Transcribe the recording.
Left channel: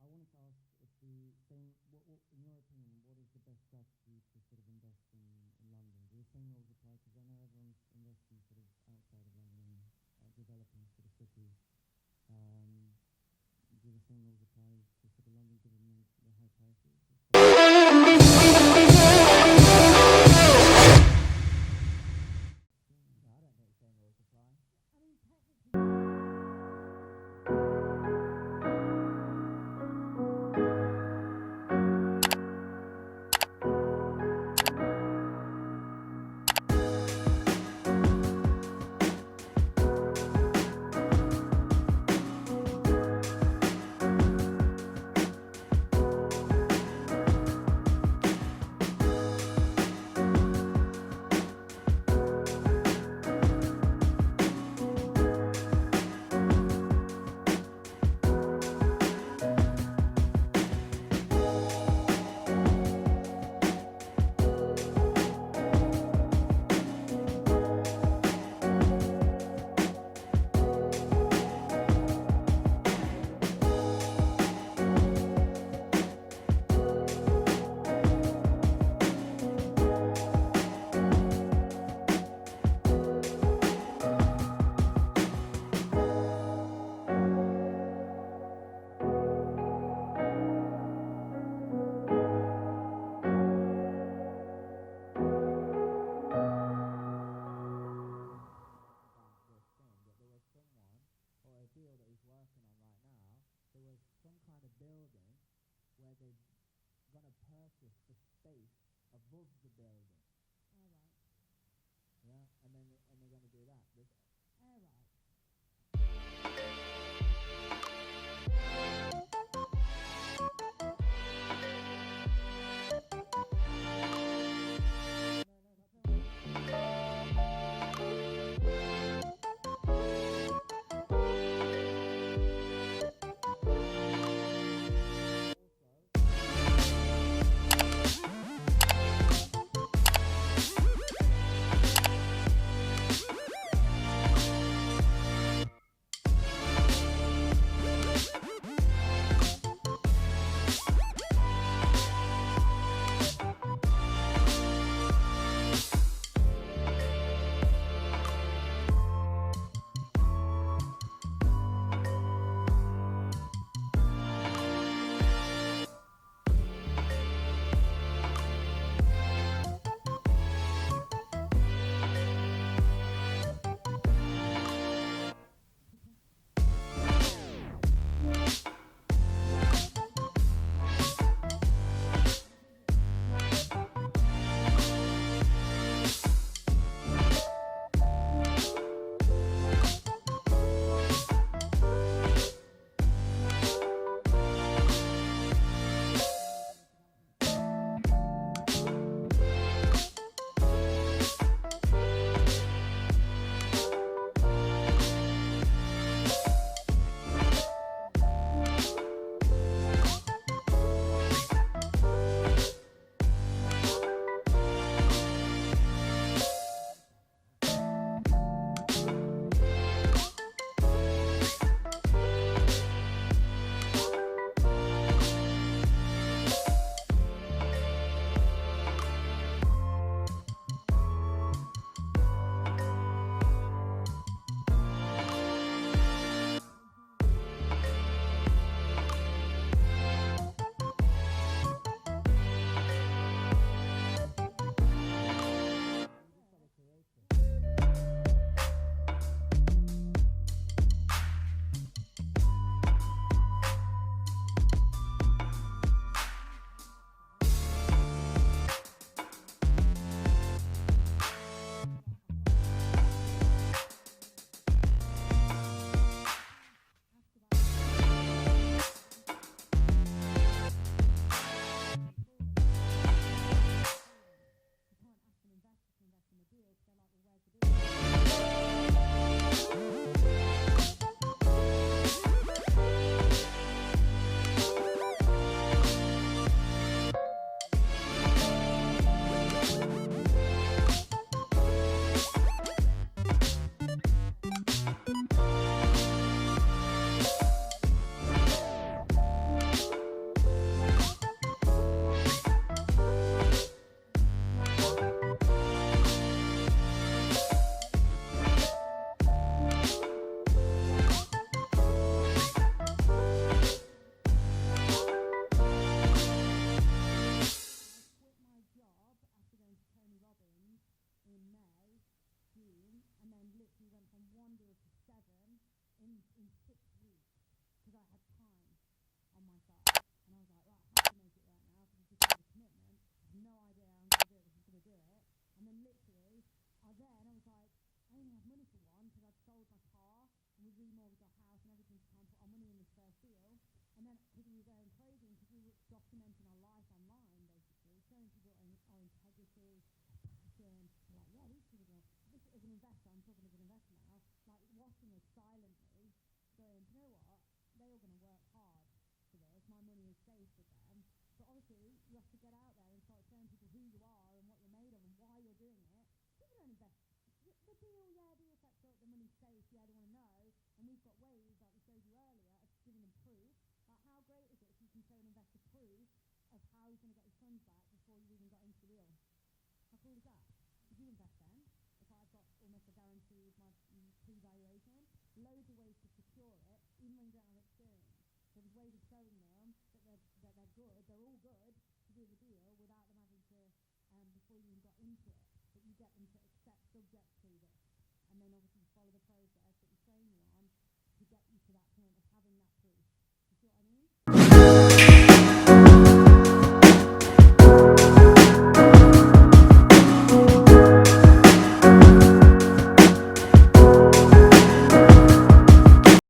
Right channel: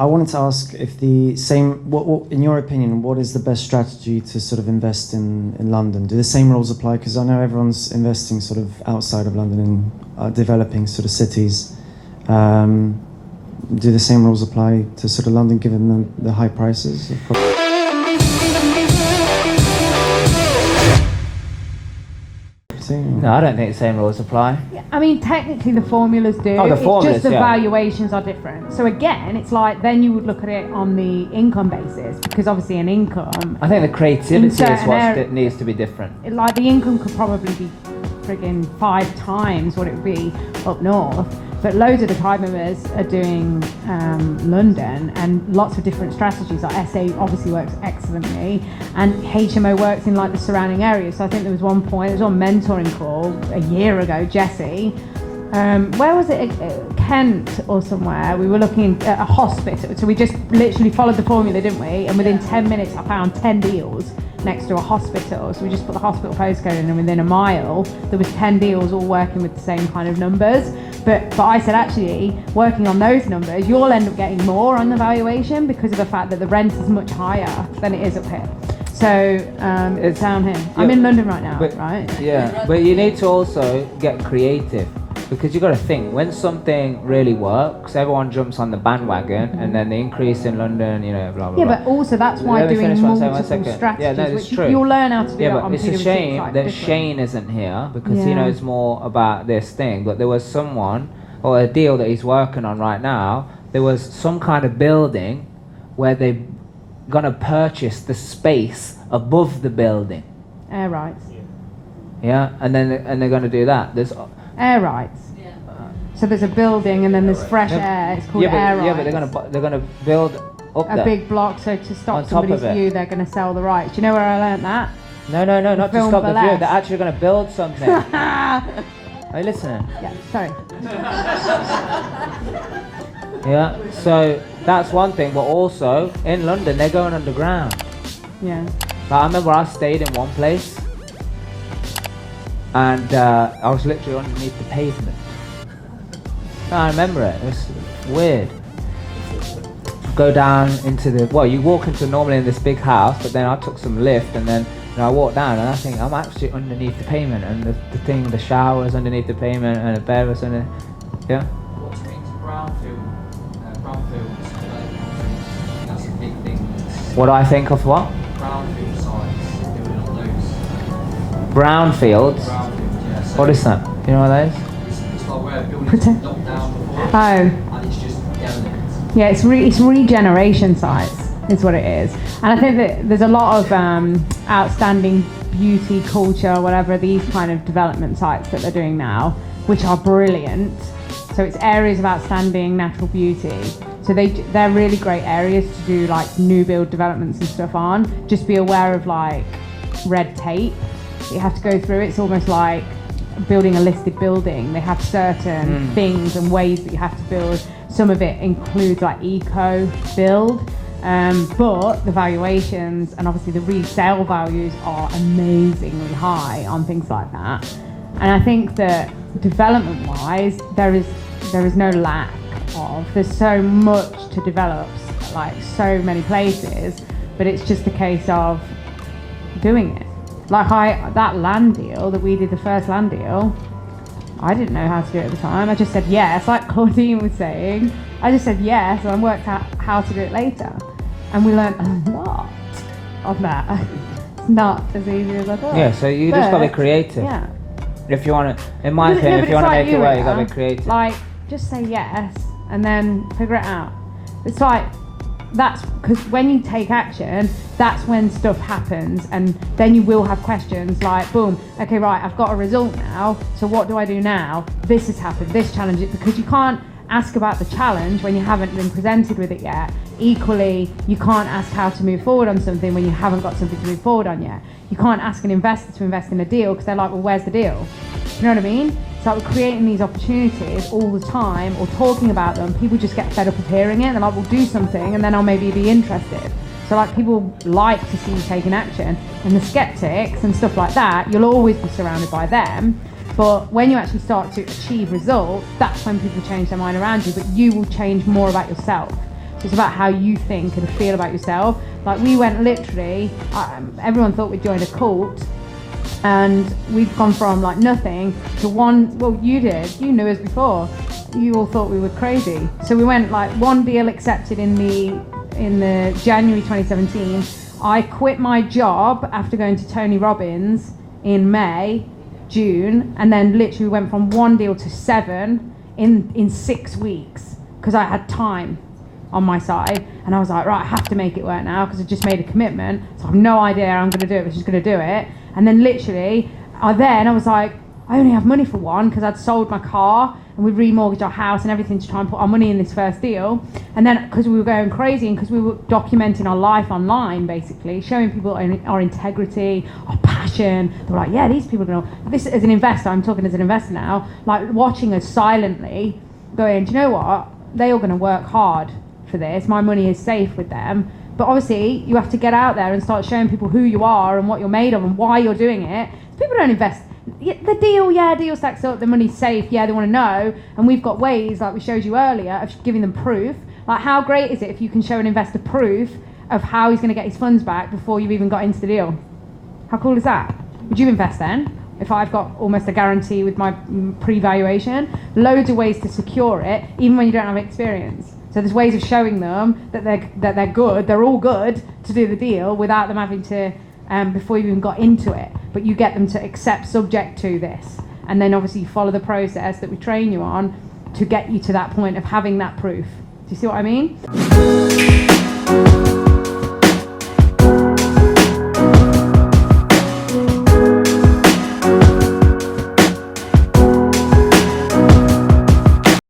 I wanted to ask if the same, what, in your opinion, what is the best strategy to sort of invest in London? Do the same rules apply? Because I know everyone's investing sort of outside of London in developing sort of cities. Do the same rules apply to sort of London, given the high prices? No, I don't think the same rules apply. Yeah, I mean, technically the formulas do. Oh, the formulas, it's just the yeah. valuations are different. So again, it's like then you would look at it on the income basis, because obviously an income. I think the creativity is certain what needs to be different. Like the income could probably be friggin' 5 times what it would be up north. But loads of the tribe members are doing London, and lots of different strategies. Like SA obviously works excellently, and HMO works in like the surrounding areas. So I think there was one point, there was one mentoring call a year ago, Jessie. Where was it? Kent or somewhere. We were looking at a hospital. So we just literally followed the formula, didn't we? And within 10 minutes, I found 10 deals next to a hospital. So we just put the hospital postcode in, and within a mile, there was 10 deals all working with the same kind of numbers. But I said, actually, working on those numbers, you'll end up getting more on the valuation because of the fact that the rent is much higher than it is up here. So it's down here. I'm in London right now, right? Yeah, but you need to also get creative, because you've got to think, when something really works, everyone jumps on the bandwagon, and then the increase in London, you know, blah, blah, blah. Yeah, but also that's why doing multiple strategies, yeah, no, it's which true. You'll learn how to do yeah, that but on it's a PwC, shame like, that different. Shane isn't here, because he Yeah. knows more about this thing. But there was someone, or a deal that he's working on right now, there was some kind of building where they're going to purchase the space above the building. Air rights. Yeah, and they're going to do that. There's Air rights. So there's a building, and then there's fresh air. It's called air rights. Yeah, but they're gonna build up a there. big block. So to stop On top somebody's of it. view, they're going to sell the rights. Do you know where I learnt that? No, not to Film stop the view. burlesque. They're actually gonna build something. Are you listening? Yeah, sorry. Yeah. So that's one thing, but also in London they're going underground. Yeah. Like, I remember I stayed in one place, and I was literally underneath the pavement. I remember it. It was weird. Go down into you walk into normally in this big house, but then I took some lift, and then I walked down, and I think I'm actually underneath the pavement, and the shower's underneath the pavement, and the bed was under. Yeah. That's a big thing. What do I think of what? Brownfield sites, doing all those. Brownfields. Yeah. So What is that? Do you know what that is? it's like where buildings are knocked down before, Oh. and it's just derelict. Yeah, it's regeneration sites is what it is. And I think that there's a lot of outstanding beauty, culture, whatever, these kind of development sites that they're doing now, which are brilliant. So it's areas of outstanding natural beauty. So they're really great areas to do like new build developments and stuff on. Just be aware of like red tape that you have to go through. It's almost like building a listed building. They have certain things and ways that you have to build. Some of it includes like eco build, but the valuations and obviously the resale values are amazingly high on things like that. And I think that development wise, there is no lack of. There's so much to develop, like so many places, but it's just a case of doing it. Like that land deal that we did, the first land deal, I didn't know how to do it at the time. I just said yes, like Claudine was saying. I just said yes, and I worked out how to do it later. And we learned a lot of that. It's not as easy as I thought. Yeah, so you just gotta be creative. Yeah. If you wanna, in my opinion, if you wanna make it work, you gotta be creative. Like, just say yes, and then figure it out. It's like, that's because when you take action, that's when stuff happens, and then you will have questions like, boom, okay, right, I've got a result now, so what do I do now? This has happened, this challenge, because you can't ask about the challenge when you haven't been presented with it yet. Equally, you can't ask how to move forward on something when you haven't got something to move forward on yet. You can't ask an investor to invest in a deal because they're like, well, where's the deal? You know what I mean? So we're creating these opportunities all the time, or talking about them. People just get fed up of hearing it. They're like, we'll do something, and then I'll maybe be interested. So like, people like to see you taking action. And the skeptics and stuff like that, you'll always be surrounded by them. But when you actually start to achieve results, that's when people change their mind around you, but you will change more about yourself. It's about how you think and feel about yourself. Like we went literally, everyone thought we'd joined a cult, and we've gone from like nothing to one. Well, you knew us before. You all thought we were crazy. So we went like one deal accepted in the January 2017. I quit my job after going to Tony Robbins in May, June, and then literally went from one deal to 7 in 6 weeks because I had time on my side, and I was like, right, I have to make it work now because I just made a commitment, so I have no idea how I'm going to do it, but just going to do it. And then literally, I was like, I only have money for one because I'd sold my car and we remortgaged our house and everything to try and put our money in this first deal. And then because we were going crazy and because we were documenting our life online, basically showing people our integrity, our passion, they were like, yeah, these people are going to, this as an investor, I'm talking as an investor now, like watching us silently going, do you know what, they are going to work hard for this, my money is safe with them. But obviously you have to get out there and start showing people who you are and what you're made of and why you're doing it. People don't invest. The deal stacks up, the money's safe, they want to know. And we've got ways, like we showed you earlier, of giving them proof. Like how great is it if you can show an investor proof of how he's going to get his funds back before you've even got into the deal? How cool is that? Would you invest then? If I've got almost a guarantee with my pre-valuation, loads of ways to secure it, even when you don't have experience. So there's ways of showing them that they're good, they're all good to do the deal without them having to, before you even got into it. But you get them to accept subject to this. And then obviously you follow the process that we train you on to get you to that point of having that proof. Do you see what I mean?